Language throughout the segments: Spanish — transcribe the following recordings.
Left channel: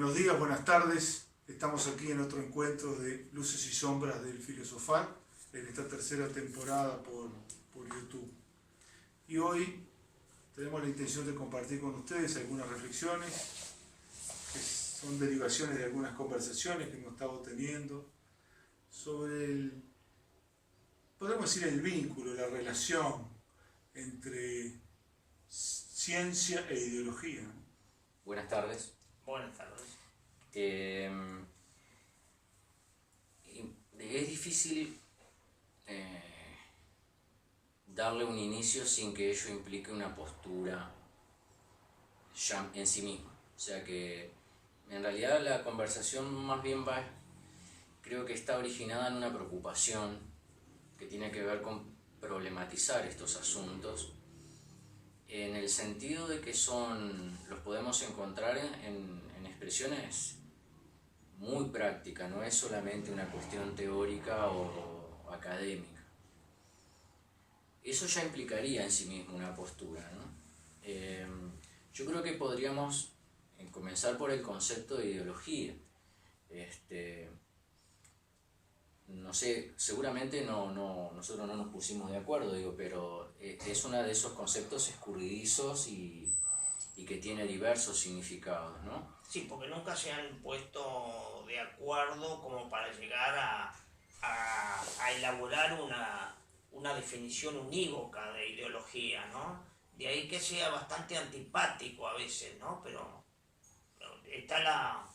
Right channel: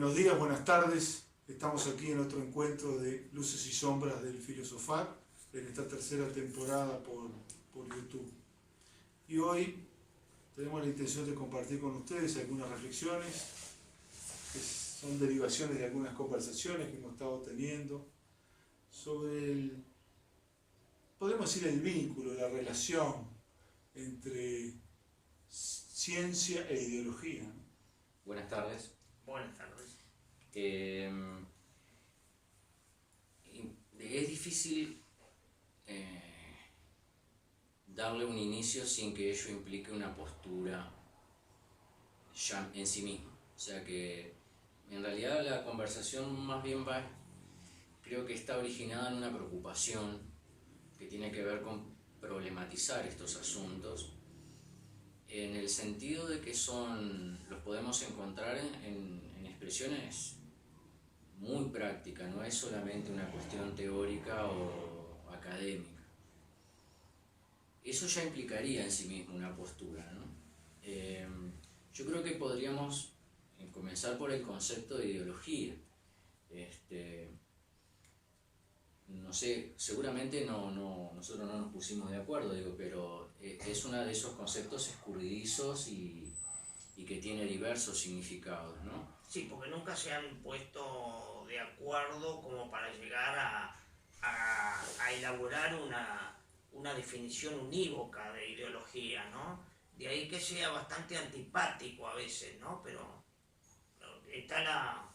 Buenos días, buenas tardes. Estamos aquí en otro encuentro de Luces y Sombras del Filosofar, en esta tercera temporada por YouTube. Y hoy tenemos la intención de compartir con ustedes algunas reflexiones, que son derivaciones de algunas conversaciones que hemos estado teniendo, sobre podemos decir, el vínculo, la relación entre ciencia e ideología. Buenas tardes. Buenas tardes. Es difícil darle un inicio sin que ello implique una postura ya en sí misma. O sea que en realidad la conversación más bien creo que está originada en una preocupación que tiene que ver con problematizar estos asuntos, en el sentido de que los podemos encontrar en expresiones muy prácticas, no es solamente una cuestión teórica o académica. Eso ya implicaría en sí mismo una postura, ¿no? Yo creo que podríamos comenzar por el concepto de ideología. No sé, seguramente nosotros no nos pusimos de acuerdo, pero es uno de esos conceptos escurridizos y que tiene diversos significados, ¿no? Sí, porque nunca se han puesto de acuerdo como para llegar a elaborar una definición unívoca de ideología, ¿no? De ahí que sea bastante antipático a veces, ¿no? Pero está la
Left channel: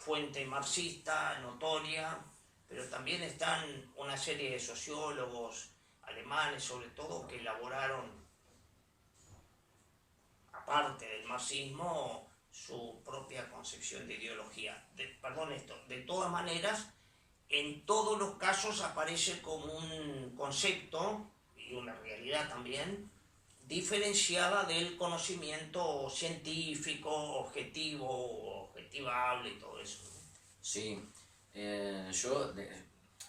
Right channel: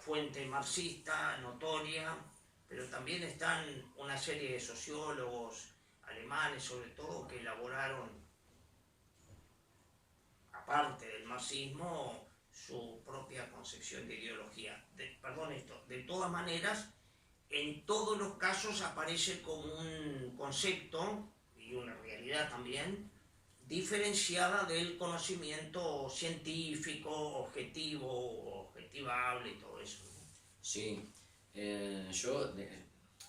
fuente marxista notoria, pero también están una serie de sociólogos alemanes, sobre todo, que elaboraron, aparte del marxismo, su propia concepción de ideología. De todas maneras, en todos los casos aparece como un concepto, y una realidad también, diferenciada del conocimiento científico, objetivable y todo eso. Sí, yo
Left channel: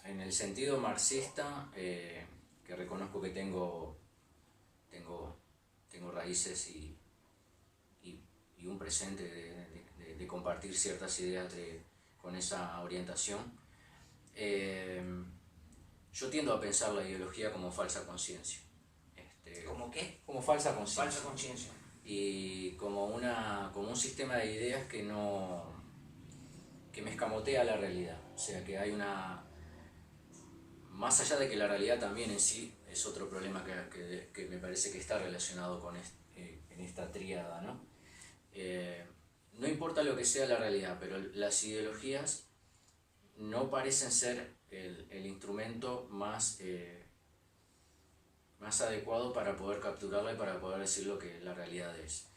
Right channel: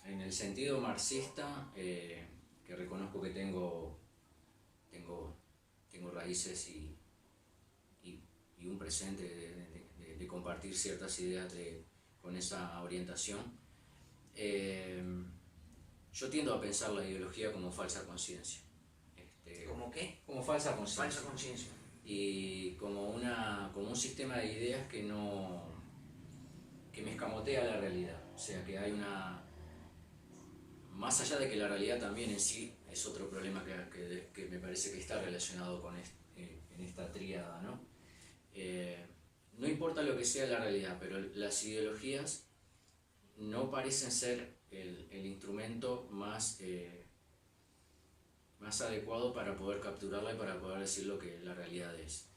en el sentido marxista, que reconozco que tengo raíces y un presente de compartir ciertas ideas con esa orientación, yo tiendo a pensar la ideología como falsa conciencia. ¿Cómo qué? Como falsa conciencia. Falsa conciencia. Y como un sistema de ideas que me escamotea la realidad. O sea que hay más allá de que la realidad también en sí es otro problema que me parece que está relacionado con en esta tríada, ¿no? No importa lo que sea la realidad, pero las ideologías no parecen ser el instrumento más adecuado para poder capturarla y para poder decir lo que la realidad es.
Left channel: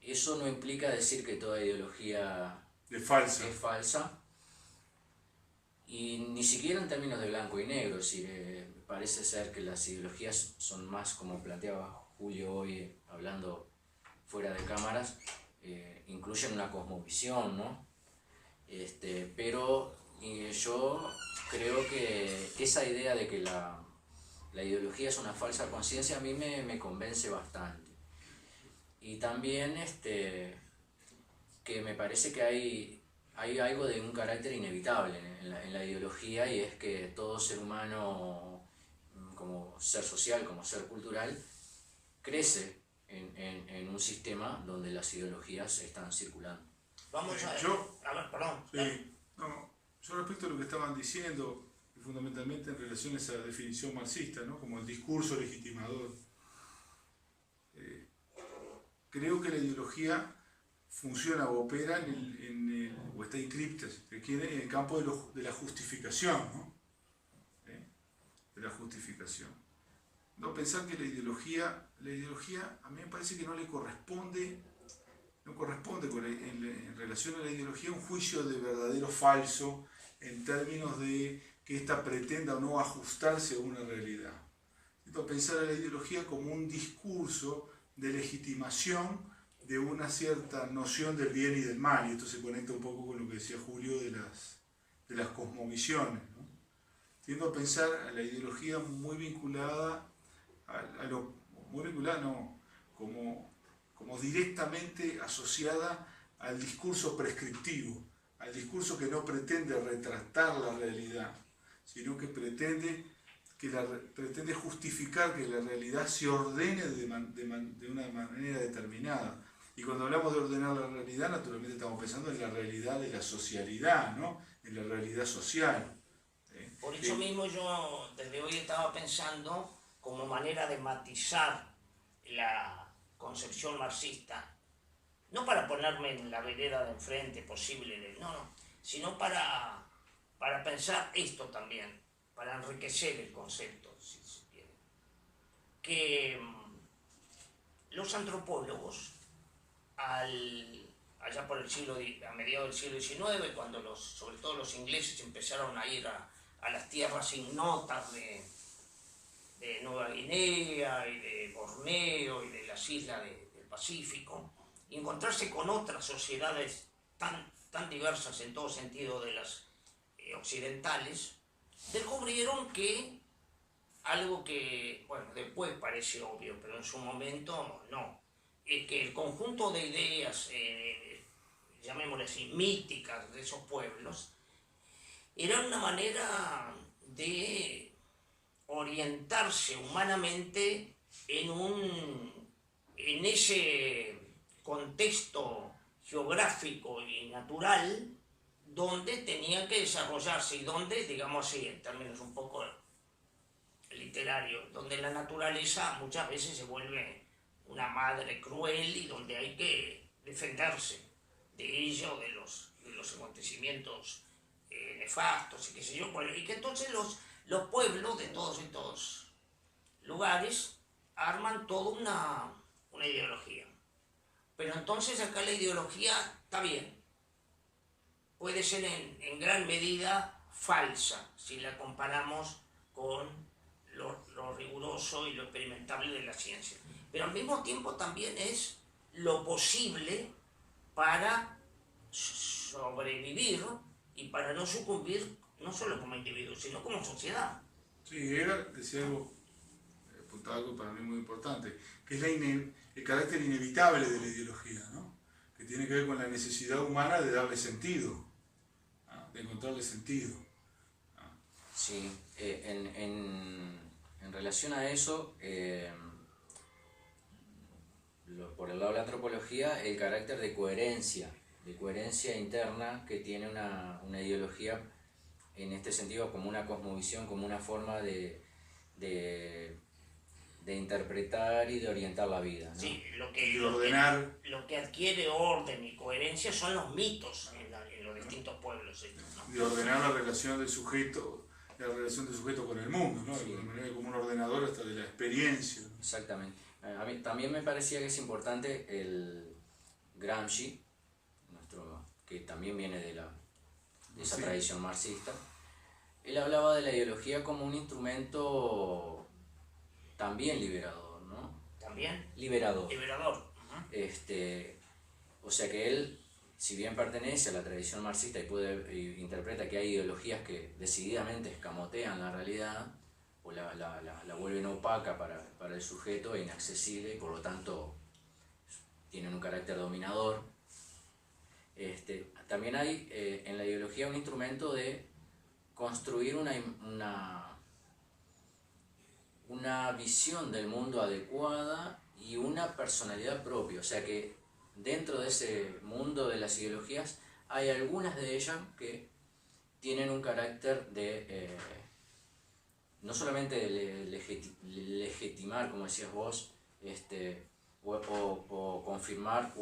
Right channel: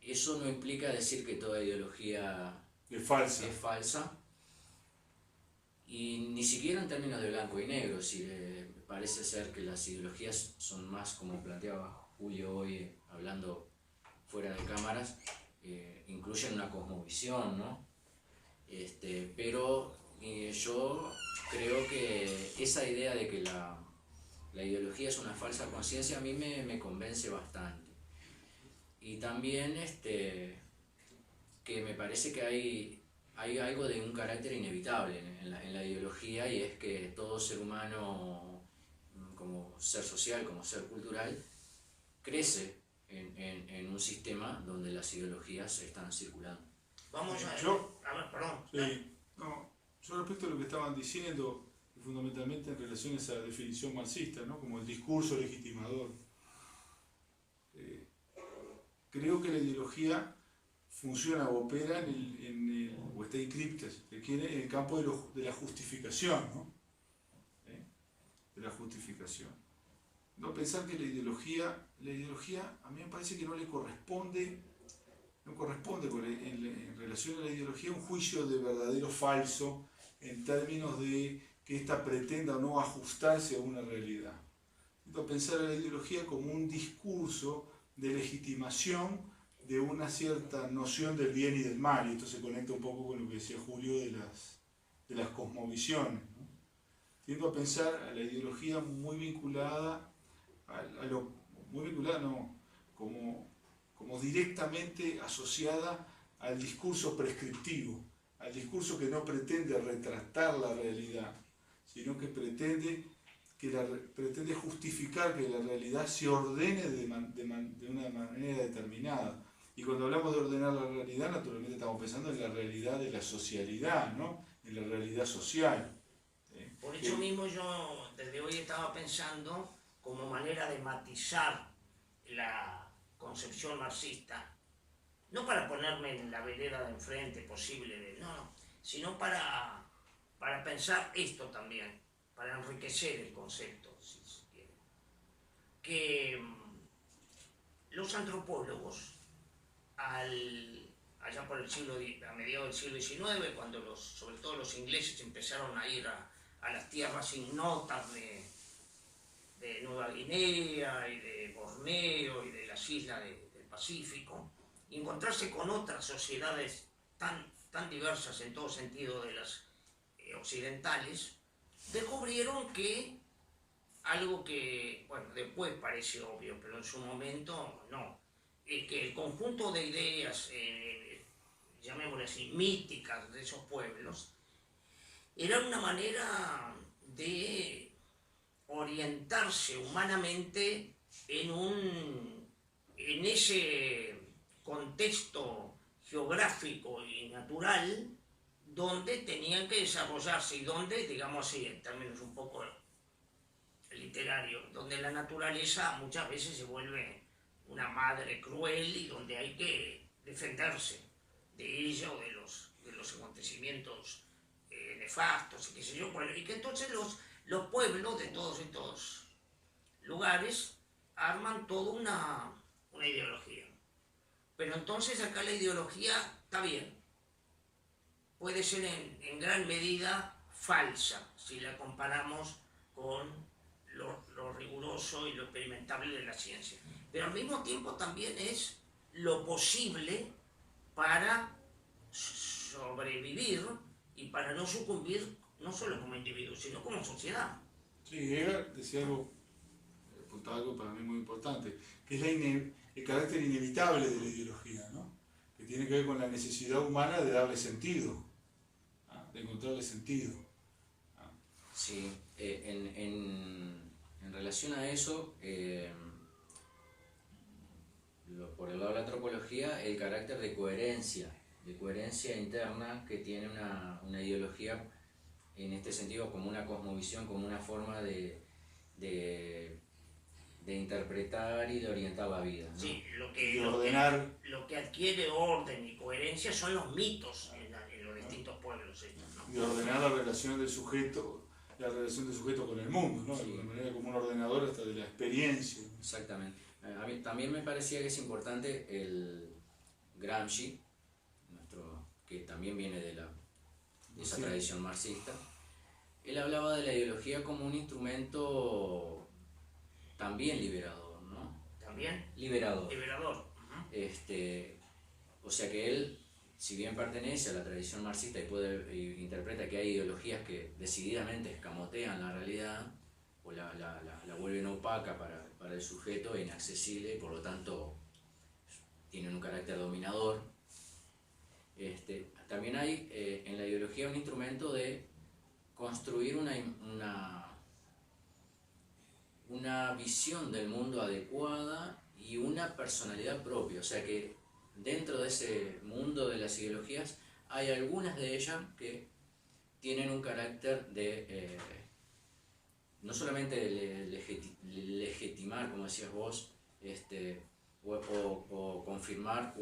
Eso no implica decir que toda ideología es falsa, y ni siquiera en términos de blanco y negro. Parece ser que las ideologías son más, como planteaba Julio hoy, hablando fuera de cámaras, incluyen una cosmovisión, ¿no? Pero yo creo que esa idea de que la ideología es una falsa conciencia a mí me convence bastante. Y también que me parece que hay algo de un carácter inevitable en la ideología, y es que todo ser humano, como ser social, como ser cultural, crece en un sistema donde las ideologías están circulando. Vamos a ver, perdón. Sí, yo respecto a lo que estaban diciendo, fundamentalmente en relación a esa definición marxista, ¿no? Como el discurso legitimador. Creo que la ideología funciona o opera o está inscripta, si se quiere, en el campo de la justificación, ¿no? De la justificación. No pensar que la ideología a mí me parece que no corresponde en relación a la ideología un juicio de verdadero o falso en términos de que ésta pretenda o no ajustarse a una realidad. Intento pensar a la ideología como un discurso de legitimación de una cierta noción del bien y del mal, y esto se conecta un poco con lo que decía Julio de las cosmovisiones, ¿no? Tiendo a pensar a la ideología muy vinculada como directamente asociada al discurso prescriptivo, al discurso que no pretende retratar la realidad, sino que pretende justificar que la realidad se ordene de una manera determinada. Y cuando hablamos de ordenar la realidad, naturalmente estamos pensando en la realidad de la socialidad, ¿no? En la realidad social. Por eso mismo yo desde hoy estaba pensando como manera de matizar la concepción marxista, no para ponerme en la vereda de enfrente posible, no, sino para pensar esto también, para enriquecer el concepto, si se quiere. Que los antropólogos, allá por a mediados del siglo XIX, cuando sobre todo los ingleses empezaron a ir a las tierras ignotas de Nueva Guinea y de Borneo y de las islas del Pacífico, y encontrarse con otras sociedades tan diversas en todo sentido de las occidentales, descubrieron que algo que, bueno, después parece obvio, pero en su momento no, es que el conjunto de ideas, llamémosle así, míticas de esos pueblos, era una manera de orientarse humanamente en ese contexto geográfico y natural donde tenían que desarrollarse y donde, digamos así, en términos un poco literarios, donde la naturaleza muchas veces se vuelve una madre cruel y donde hay que defenderse de ello, de los acontecimienos nefastos y qué sé yo, bueno, y que entonces los pueblos de todos estos lugares arman toda una ideología. Pero entonces acá la ideología está bien, puede ser en gran medida falsa si la comparamos con lo riguroso y lo experimentable de la ciencia, pero al mismo tiempo también es lo posible para sobrevivir y para no sucumbir no solo como individuo, sino como sociedad. Sí, Hegel decía algo, apuntaba algo para mí muy importante, que es el carácter inevitable de la ideología, ¿no? Que tiene que ver con la necesidad humana de darle sentido, de encontrarle sentido. Sí, en relación a eso, por el lado de la antropología, el carácter de coherencia interna que tiene una ideología, en este sentido, como una cosmovisión, como una forma de interpretar y de orientar la vida, ¿no? Sí, lo que adquiere orden y coherencia son los mitos en los distintos pueblos estos, ¿no? De ordenar la relación del sujeto con el mundo, ¿no? Sí. De manera como un ordenador hasta de la experiencia. Exactamente. A mí también me parecía que es importante el Gramsci, que también viene de esa tradición marxista. Él hablaba de la ideología como un instrumento también liberador, ¿no? ¿También? Liberador. Uh-huh. O sea que él, si bien pertenece a la tradición marxista y interpreta que hay ideologías que decididamente escamotean la realidad o la vuelven opaca para el sujeto e inaccesible y por lo tanto tienen un carácter dominador, también hay en la ideología un instrumento de construir una visión del mundo adecuada y una personalidad propia. O sea que dentro de ese mundo de las ideologías hay algunas de ellas que tienen un carácter de no solamente de legitimar, como decías vos, o confirmar,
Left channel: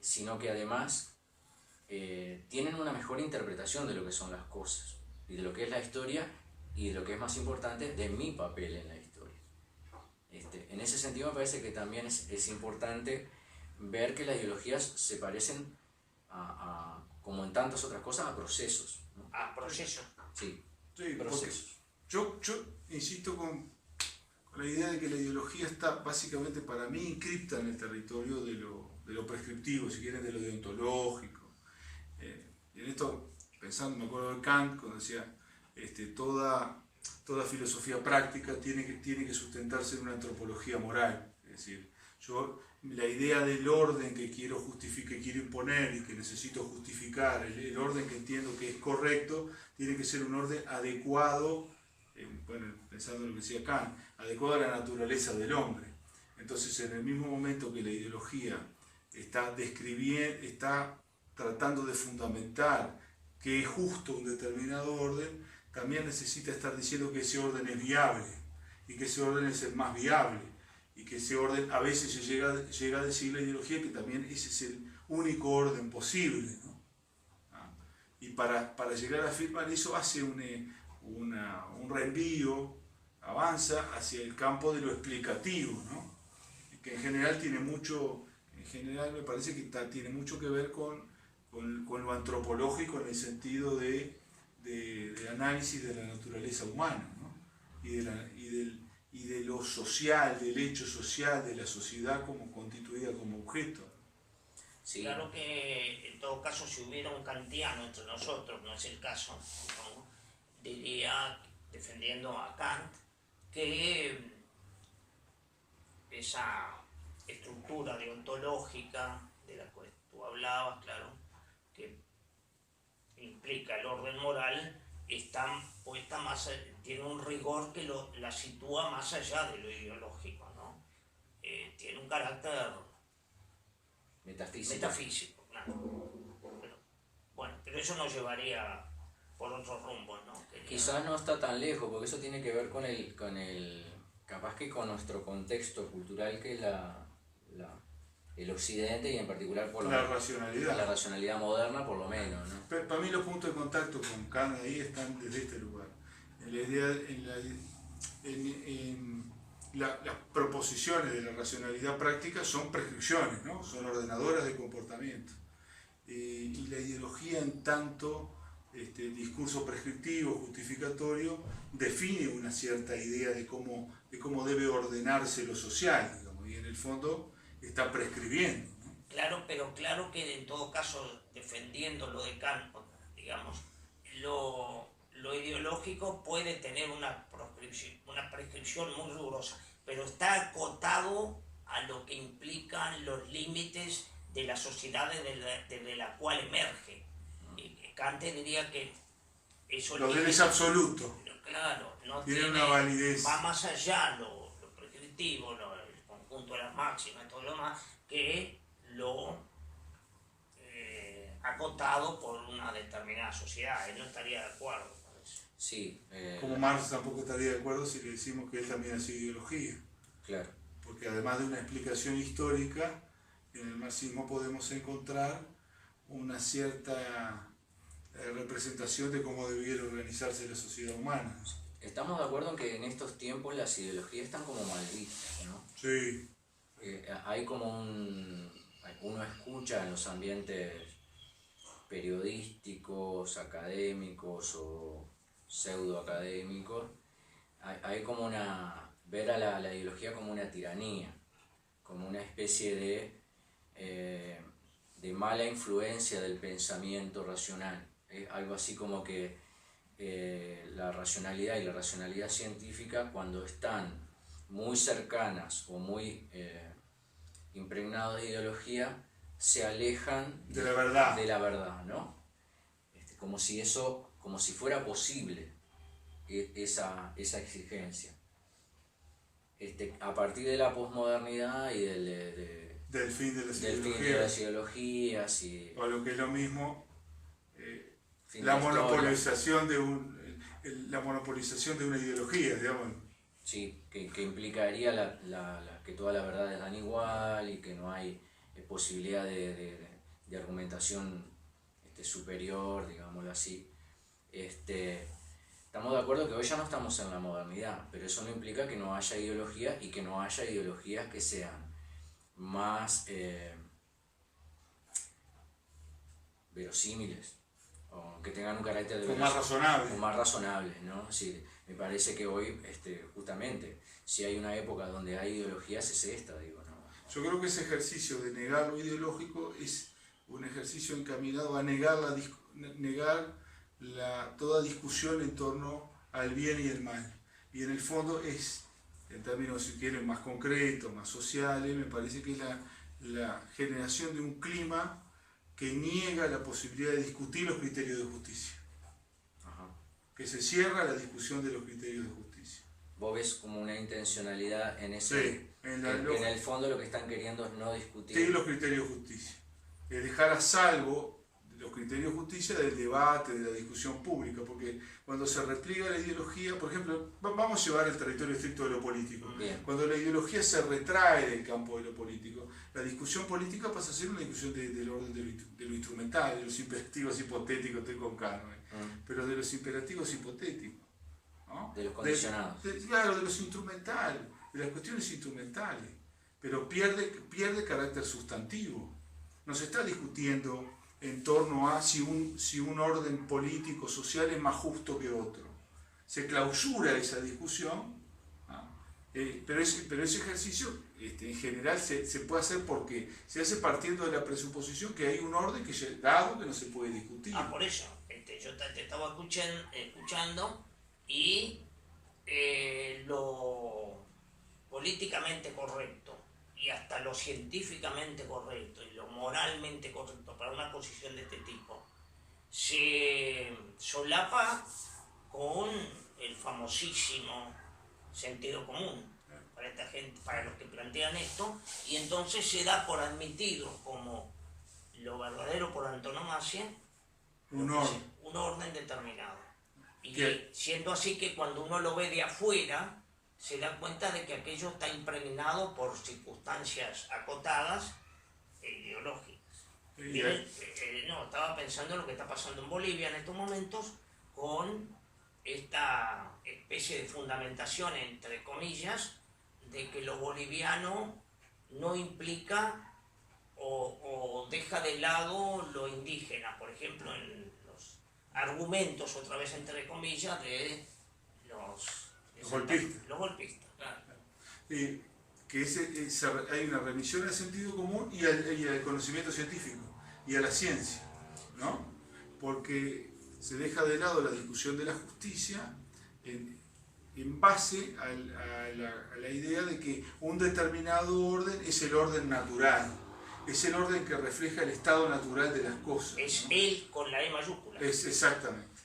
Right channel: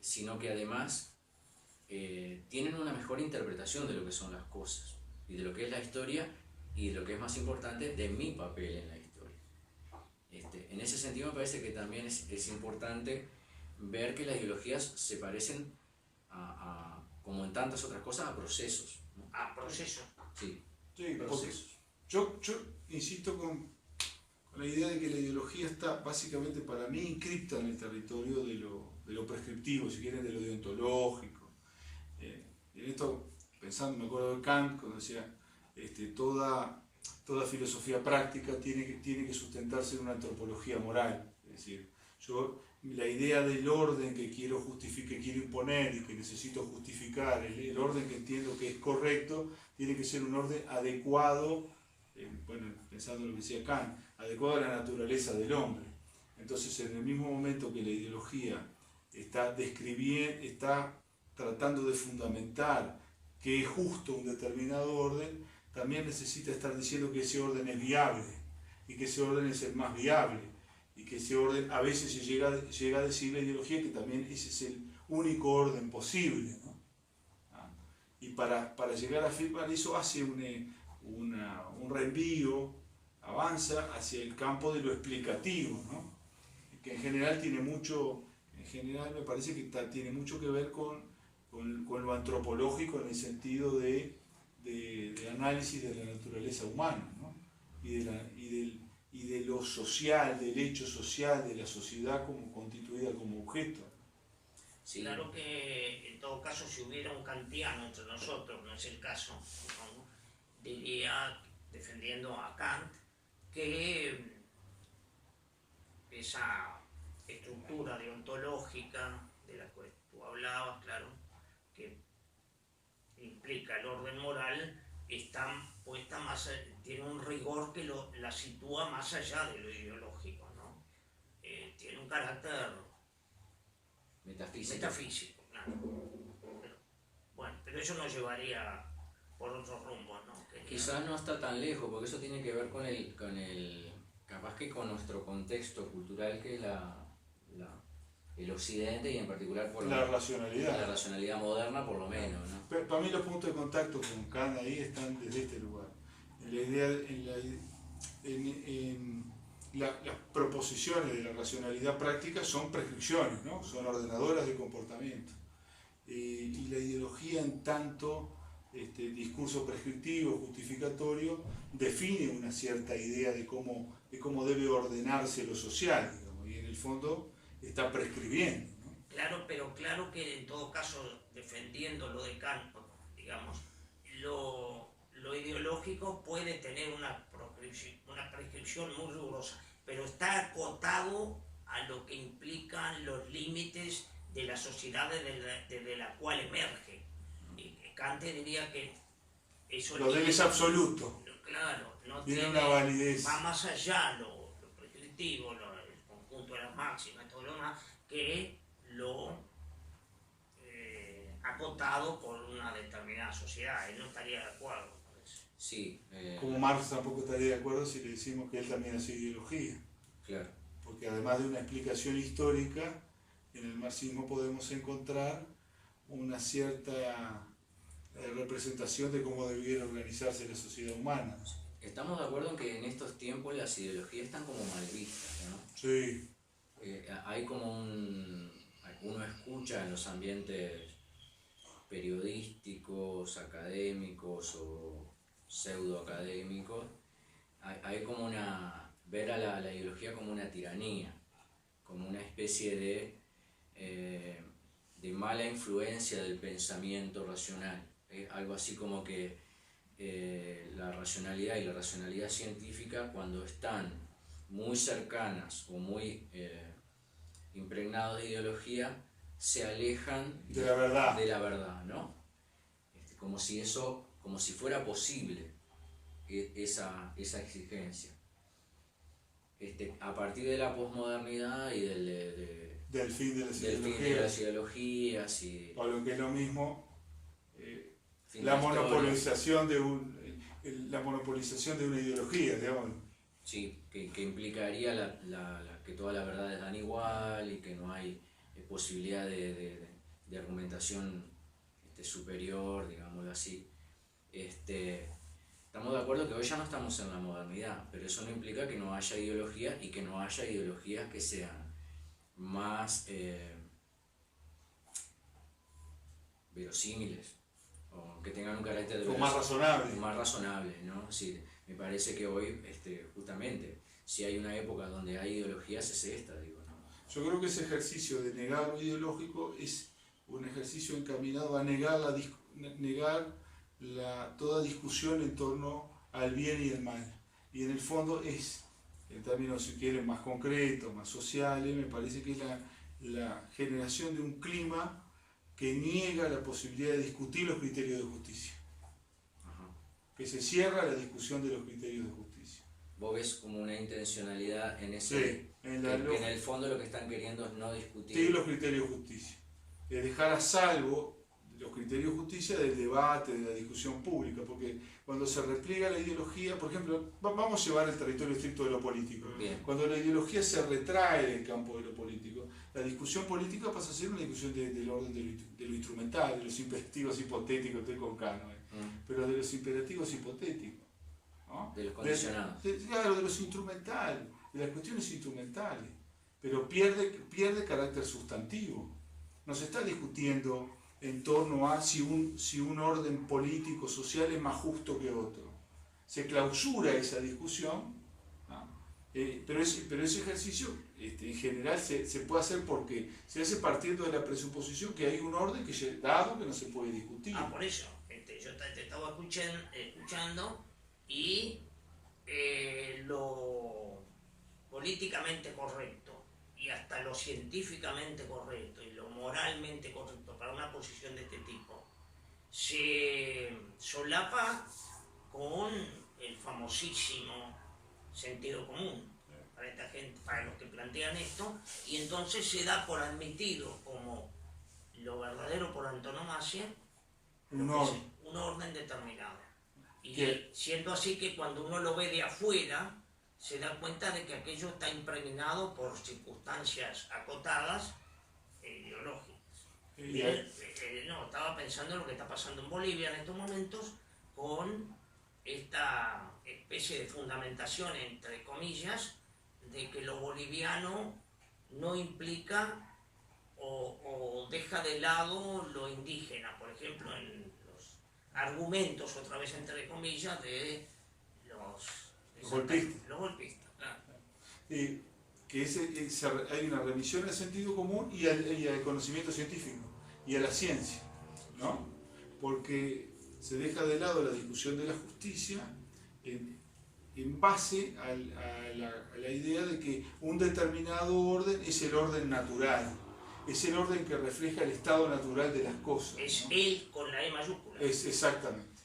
sino que además tienen una mejor interpretación de lo que son las cosas y de lo que es la historia y de lo que es más importante, de mi papel en la historia. En ese sentido me parece que también es importante ver que las ideologías se parecen como en tantas otras cosas, a procesos, ¿no? A procesos. Sí, procesos. Yo insisto con la idea de que la ideología está básicamente para mí inscripta en el territorio de lo prescriptivo, si quieren, de lo deontológico. En esto, pensando, me acuerdo de Kant, cuando decía, toda filosofía práctica tiene que sustentarse en una antropología moral. Es decir, La idea del orden que quiero que quiero imponer y que necesito justificar, el orden que entiendo que es correcto, tiene que ser un orden adecuado, pensando en lo que decía Kant, adecuado a la naturaleza del hombre. Entonces, en el mismo momento que la ideología está tratando de fundamentar que es justo un determinado orden, también necesita estar diciendo que ese orden es viable y que ese orden es el más viable y que ese orden, a veces se llega a decir la ideología que también ese es el único orden posible, ¿no? Y para llegar a afirmar eso hace un reenvío, avanza hacia el campo de lo explicativo, ¿no? Que en general me parece que tiene mucho que ver con lo antropológico en el sentido de análisis de la naturaleza humana, ¿no? y de lo social, del hecho social, de la sociedad como constituida como objeto. Sí. Claro que en todo caso, si hubiera un kantiano entre nosotros, no es el caso, ¿no? Diría, defendiendo a Kant, que esa estructura deontológica de la que tú hablabas, claro, que implica el orden moral, tiene un rigor que la sitúa más allá de lo ideológico, ¿no? Tiene un carácter metafísico, claro. Pero eso nos llevaría por otros rumbos, ¿no? Quizás no está tan lejos, porque eso tiene que ver con capaz que con nuestro contexto cultural, que es el occidente, y en particular por la racionalidad moderna, por lo menos, ¿no? Para mí los puntos de contacto con Kant ahí están desde este lugar. Las proposiciones de la racionalidad práctica son prescripciones, ¿no? Son ordenadoras de comportamiento. Y la ideología, en tanto discurso prescriptivo, justificatorio, define una cierta idea de cómo debe ordenarse lo social, digamos, y en el fondo está prescribiendo, ¿no? Claro, pero claro que en todo caso, defendiendo lo de Kant, digamos, lo ideológico puede tener una prescripción muy rigurosa, pero está acotado a lo que implican los límites de la sociedad desde la cual emerge. Y Kant diría que eso lo de él es absoluto. Claro, tiene una validez. Va más allá lo prescriptivo, el conjunto de las máximas y todo lo demás, que lo acotado por una determinada sociedad. Él no estaría de acuerdo con eso. Sí. Como Marx tampoco estaría de acuerdo si le decimos que él también hace ideología. Claro. Porque además de una explicación histórica, en el marxismo podemos encontrar una cierta representación de cómo debiera organizarse la sociedad humana. Estamos de acuerdo en que en estos tiempos las ideologías están como mal vistas, ¿no? Sí. Hay como uno escucha en los ambientes periodísticos, académicos o pseudoacadémicos, hay como ver a la ideología como una tiranía, como una especie de mala influencia del pensamiento racional. Algo así como que la racionalidad y la racionalidad científica, cuando están muy cercanas o muy impregnados de ideología, se alejan de la verdad, ¿no? Como si fuera posible esa exigencia. A partir de la posmodernidad y del fin de las ideologías y o lo que es lo mismo, la monopolización de una ideología, digamos. Sí, que implicaría que todas las verdades dan igual y que no hay posibilidad de argumentación superior, digámoslo así. Estamos de acuerdo que hoy ya no estamos en la modernidad, pero eso no implica que no haya ideologías y que no haya ideologías que sean más verosímiles o que tengan un carácter de más razonable, ¿no? Sí, me parece que hoy, justamente, si hay una época donde hay ideologías, es esta, digo, ¿no? Yo creo que ese ejercicio de negar lo ideológico es un ejercicio encaminado a negar toda discusión en torno al bien y el mal. Y en el fondo es en términos, si quieren, más concretos, más sociales, me parece que es la generación de un clima que niega la posibilidad de discutir los criterios de justicia. Ajá. Que se cierra la discusión de los criterios de justicia. Vos ves como una intencionalidad en ese... Sí, que en el fondo lo que están queriendo es no discutir... Sí, los criterios de justicia. Es dejar a salvo los criterios de justicia del debate, de la discusión pública, porque cuando se repliega la ideología, por ejemplo, vamos a llevar el territorio estricto de lo político. Bien. Cuando la ideología se retrae del campo de lo político, la discusión política pasa a ser una discusión del orden de lo instrumental, de los imperativos hipotéticos, estoy con Cano, pero de los imperativos hipotéticos, ¿no? De los condicionados. Claro, de los instrumentales, de las cuestiones instrumentales, pero pierde carácter sustantivo. No se está discutiendo en torno a si un orden político, social es más justo que otro. Se clausura esa discusión, ¿no? Pero ese ejercicio en general se puede hacer porque se hace partiendo de la presuposición que hay un orden que dado que no se puede discutir. Por eso, yo te estaba escuchando y lo políticamente correcto y hasta lo científicamente correcto y lo moralmente correcto para una posición de este tipo se solapa con el famosísimo sentido común para esta gente, para los que plantean esto, y entonces se da por admitido como lo verdadero por antonomasia un orden determinado. Y ¿qué? siendo así que cuando uno lo ve de afuera se da cuenta de que aquello está impregnado por circunstancias acotadas e ideológicas. Estaba pensando en lo que está pasando en Bolivia en estos momentos con esta especie de fundamentación, entre comillas, de que lo boliviano no implica o deja de lado lo indígena, por ejemplo, en los argumentos, otra vez entre comillas, de los golpistas. Claro. Que hay una remisión al sentido común y al conocimiento científico y a la ciencia, ¿no? Porque se deja de lado la discusión de la justicia en base a la idea de que un determinado orden es el orden natural, es el orden que refleja el estado natural de las cosas. Es, ¿no? Él con la E mayúscula. Exactamente.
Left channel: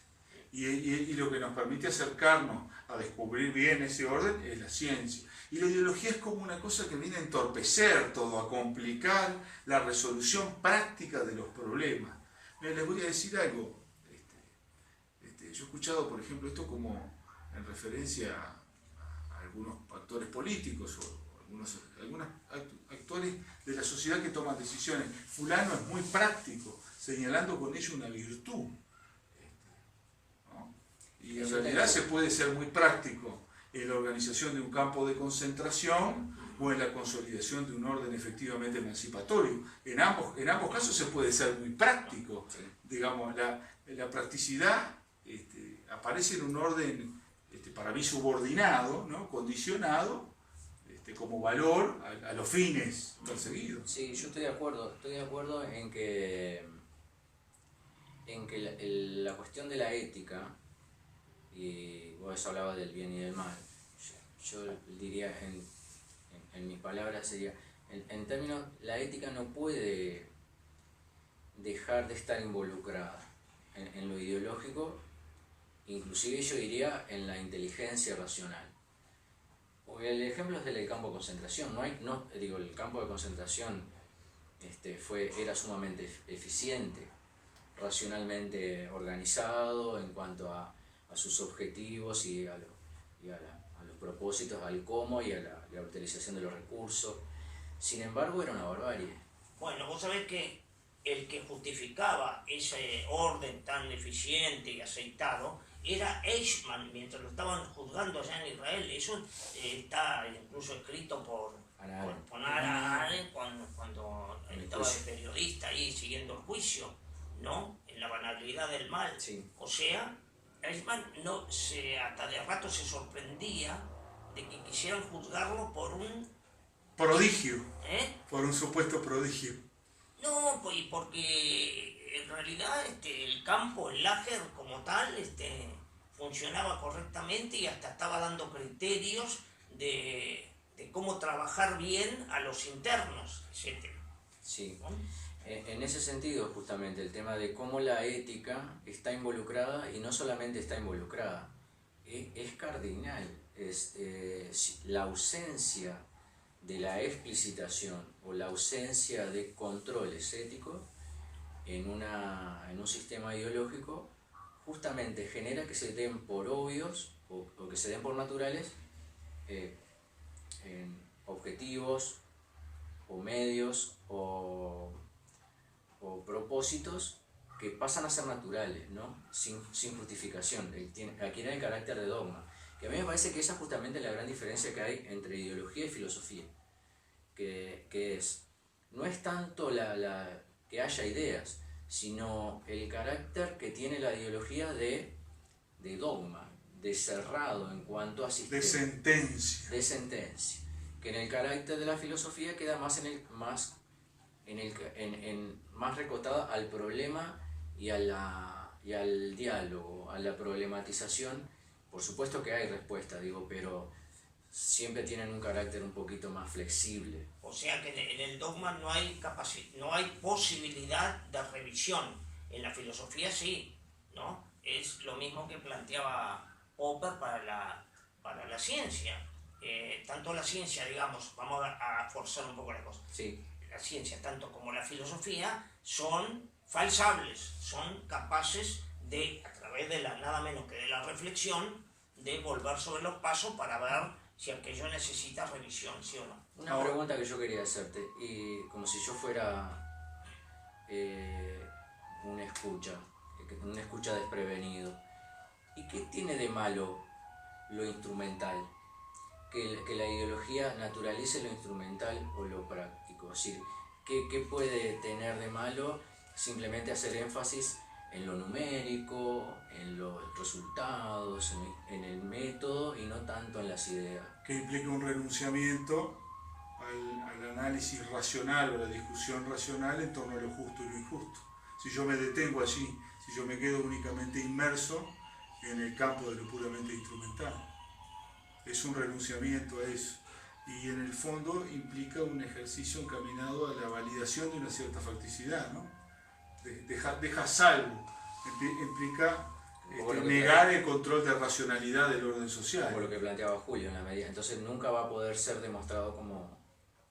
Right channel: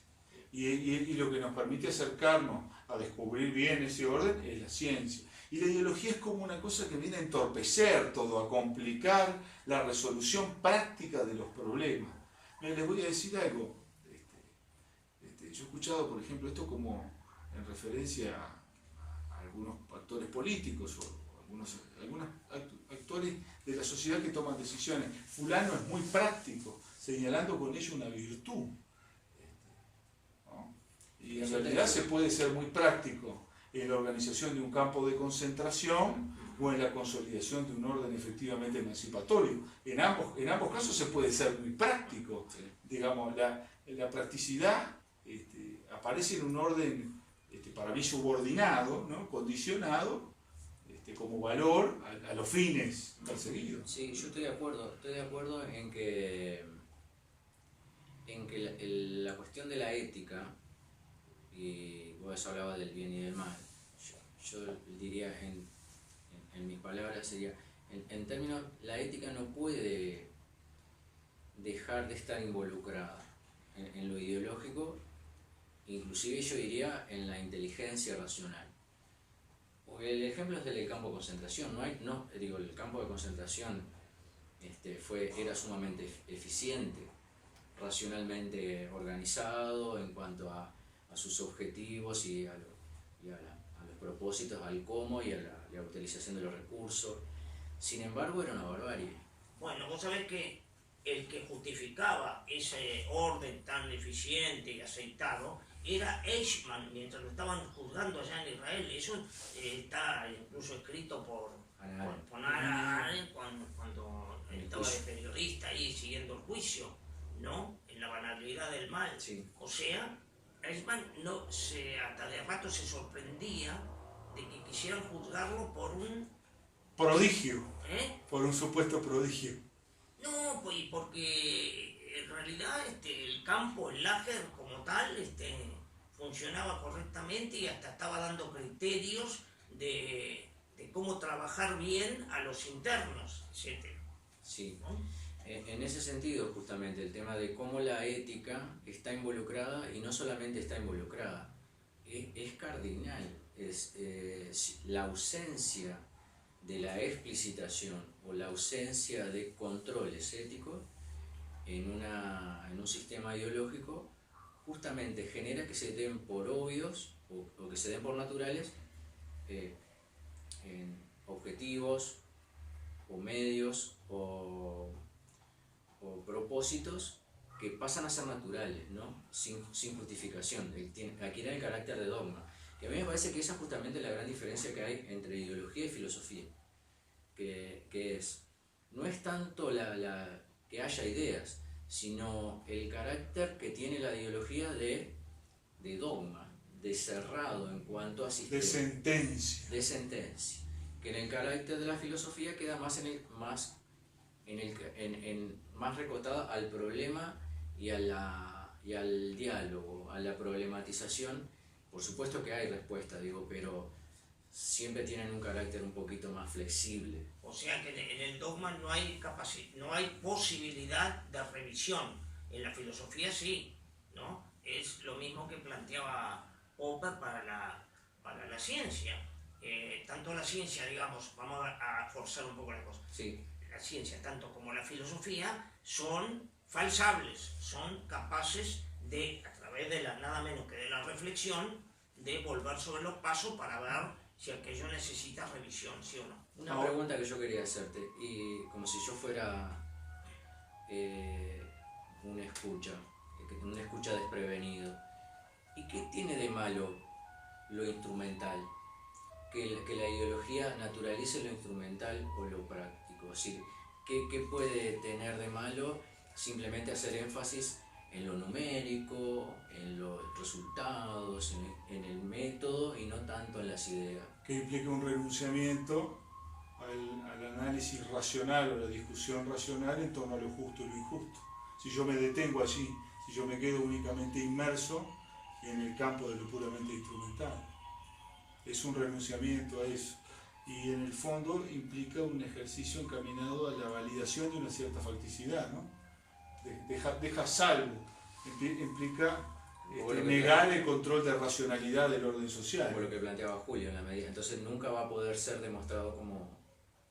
Y lo que nos permite acercarnos a descubrir bien ese orden es la ciencia. Y la ideología es como una cosa que viene a entorpecer todo, a complicar la resolución práctica de los problemas. Les voy a decir algo. Yo he escuchado, por ejemplo, esto como en referencia a algunos actores políticos o algunos actores de la sociedad que toman decisiones. Fulano es muy práctico, señalando con ello una virtud. ¿No? Y en realidad se puede ser muy práctico en la organización de un campo de concentración o en la consolidación de un orden efectivamente emancipatorio. En ambos casos se puede ser muy práctico. Digamos, la practicidad aparece en un orden para mí subordinado, ¿no? Condicionado como valor a los fines perseguidos. Sí, yo estoy de acuerdo en que la cuestión de la ética, y vos hablabas del bien y del mal, yo diría en mis palabras sería, en términos, la ética no puede dejar de estar involucrada en lo ideológico, inclusive yo diría en la inteligencia racional. Porque el ejemplo es del campo de concentración, el campo de concentración era sumamente eficiente, racionalmente organizado en cuanto a sus objetivos y a los propósitos, al cómo y a la utilización de los recursos. Sin embargo, era una barbarie. Bueno, vos sabés que el que justificaba ese orden tan eficiente y aceitado era Eichmann, mientras lo estaban juzgando allá en Israel. Eso está incluso escrito por Hannah Arendt cuando estaba de periodista ahí siguiendo el juicio, ¿no? En la banalidad del mal. Sí. O sea, Eichmann hasta de rato se sorprendía de que quisieran juzgarlo por un prodigio, por un supuesto prodigio. No, pues porque en realidad el campo, el láger como tal, funcionaba correctamente y hasta estaba dando criterios de cómo trabajar bien a los internos, etc. Sí. ¿No? En ese sentido, justamente, el tema de cómo la ética está involucrada y no solamente está involucrada, es cardinal, es la ausencia de la explicitación o la ausencia de controles éticos en un sistema ideológico justamente genera que se den por obvios o que se den por naturales en objetivos o medios o propósitos que pasan a ser naturales, ¿no? Sin justificación, adquieren el carácter de dogma. Que a mí me parece que esa es justamente la gran diferencia que hay entre ideología y filosofía, que no es tanto que haya ideas, sino el carácter que tiene la ideología de dogma, de cerrado en cuanto a sistema. De sentencia. Que en el carácter de la filosofía queda más más recotada al problema y al diálogo, a la problematización. Por supuesto que hay respuesta, pero siempre tienen un carácter un poquito más flexible. O sea que en el dogma no hay posibilidad de revisión. En la filosofía sí, ¿no? Es lo mismo que planteaba Popper para la ciencia. Tanto la ciencia, digamos, vamos a forzar un poco la cosa. Sí. La ciencia, tanto como la filosofía, son falsables, son capaces de, a través de nada menos que de la reflexión, de volver sobre los pasos para ver si aquello necesita revisión, sí o no. Una pregunta que yo quería hacerte, y como si yo fuera un escucha desprevenido. ¿Y qué tiene de malo lo instrumental? Que la ideología naturalice lo instrumental o lo práctico. Es decir, ¿qué puede tener de malo simplemente hacer énfasis en lo numérico, en los resultados, en el método y no tanto en las ideas? Que implica un renunciamiento al análisis racional o la discusión racional en torno a lo justo y lo injusto. Si yo me detengo allí, si yo me quedo únicamente inmerso en el campo de lo puramente instrumental, es un renunciamiento a eso. Y en el fondo implica un ejercicio encaminado a la validación de una cierta facticidad, ¿no? Deja salvo, implica negar el control de racionalidad del orden social. Como lo que planteaba Julio en la medida. Entonces nunca va a poder ser demostrado como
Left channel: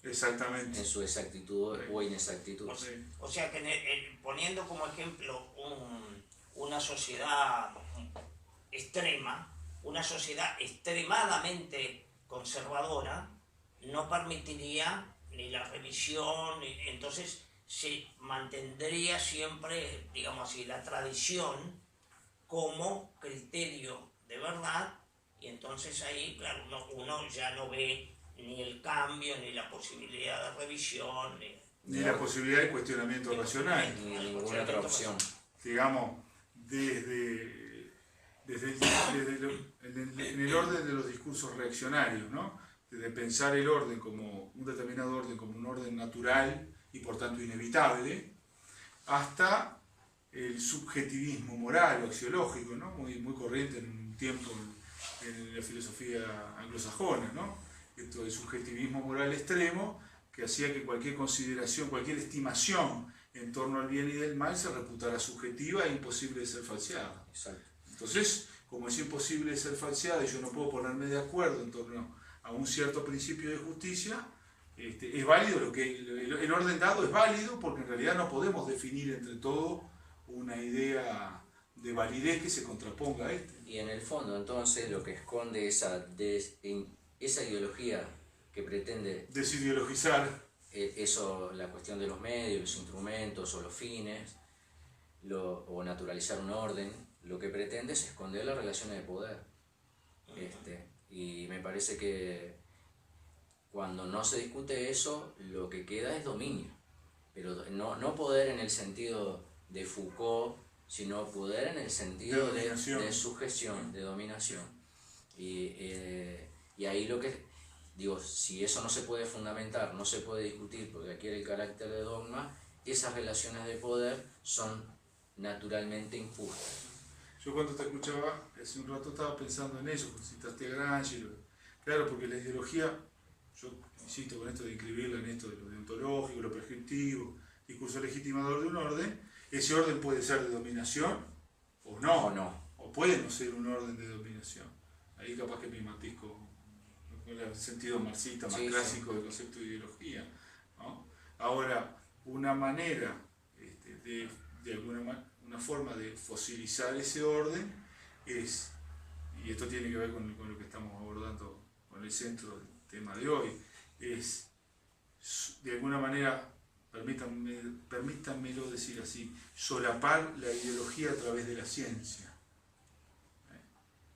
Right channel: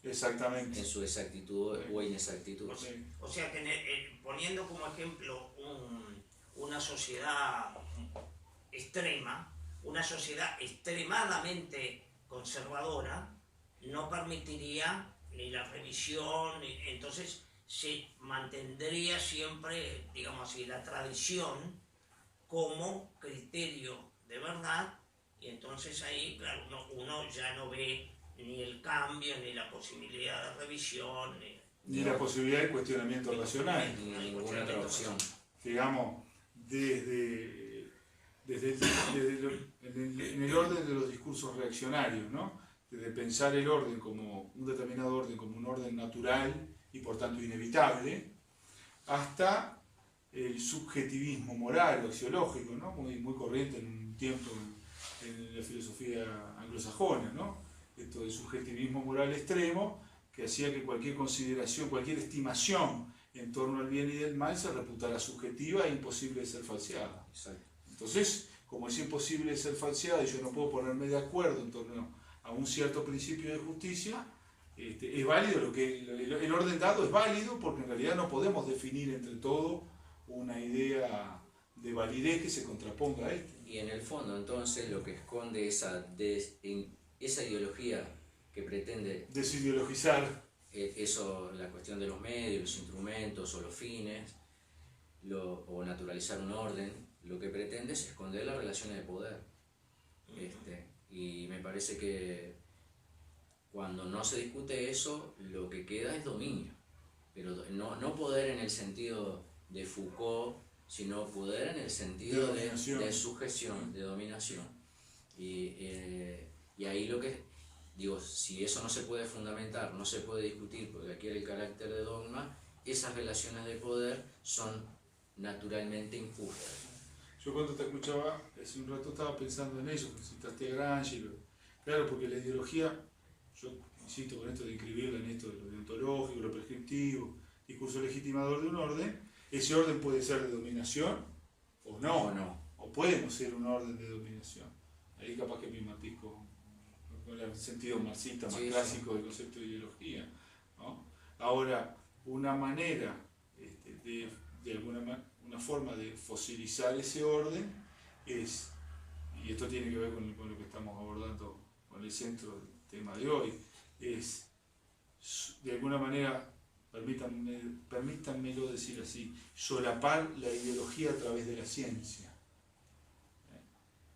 exactamente en su exactitud o inexactitud. O sea que poniendo como ejemplo una sociedad extrema, una sociedad extremadamente conservadora, no permitiría ni la revisión, entonces se mantendría siempre, digamos así, la tradición como criterio de verdad, y entonces ahí, claro, uno ya no ve ni el cambio, ni la posibilidad de revisión, ni la posibilidad de cuestionamiento racional. Ni ninguna otra opción. Digamos, en el orden de los discursos reaccionarios, ¿no? Desde pensar el orden como un determinado orden, como un orden natural y por tanto inevitable, hasta el subjetivismo moral o axiológico, ¿no? Muy corriente en un tiempo en la filosofía anglosajona, ¿no? Esto del subjetivismo moral extremo que hacía que cualquier consideración, cualquier estimación en torno al bien y del mal se reputara subjetiva e imposible de ser falseada. Exacto. Entonces, como es imposible de ser falseada y yo no puedo ponerme de acuerdo en torno a un cierto principio de justicia, es válido el orden dado es válido porque en realidad no podemos definir entre todo una idea de validez que se contraponga a este. Y en el fondo, entonces, lo que esconde esa ideología que pretende desideologizar eso, la cuestión de los medios, los instrumentos o los fines, o naturalizar un orden, lo que pretende es esconder las relaciones de poder. Y me parece que cuando no se discute eso, lo que queda es dominio. Pero no poder en el sentido de Foucault, sino poder en el sentido de sujeción, de dominación. Y ahí lo que digo, si eso no se puede fundamentar, no se puede discutir porque adquiere el carácter de dogma, esas relaciones de poder son naturalmente injustas. Yo cuando te escuchaba hace un rato estaba pensando en eso, citaste a Gramsci, Claro, porque la ideología, yo insisto con esto de inscribirla en esto de lo deontológico, lo prescriptivo, discurso legitimador de un orden, ese orden puede ser de dominación o no, o puede no ser un orden de dominación. Ahí capaz que me matiz con el sentido marxista más clásico del concepto de ideología, ¿no? Ahora, una manera, de una forma de fosilizar ese orden es, y esto tiene que ver con lo que estamos abordando con el centro del tema de hoy, es de alguna manera, permítanmelo decir así, solapar la ideología a través de la ciencia.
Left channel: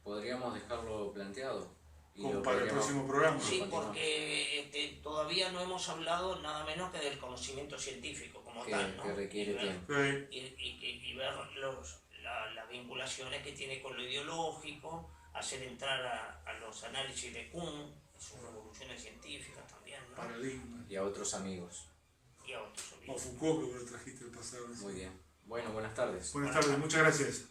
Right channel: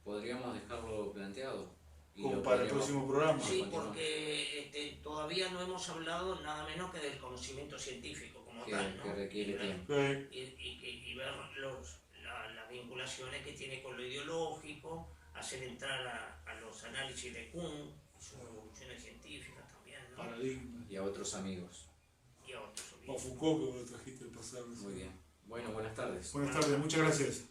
Podríamos dejarlo planteado. Como para el próximo programa. Sí, porque todavía no hemos hablado nada menos que del conocimiento científico como tal, ¿no? Que requiere tiempo. Y ver las vinculaciones que tiene con lo ideológico, hacer entrar a los análisis de Kuhn, sus revoluciones científicas también, ¿no? Paradigmas. Y a otros amigos. Y a otros amigos. O Foucault, que vos lo trajiste el pasado. Muy bien. Bueno, buenas tardes. Buenas tardes, muchas gracias.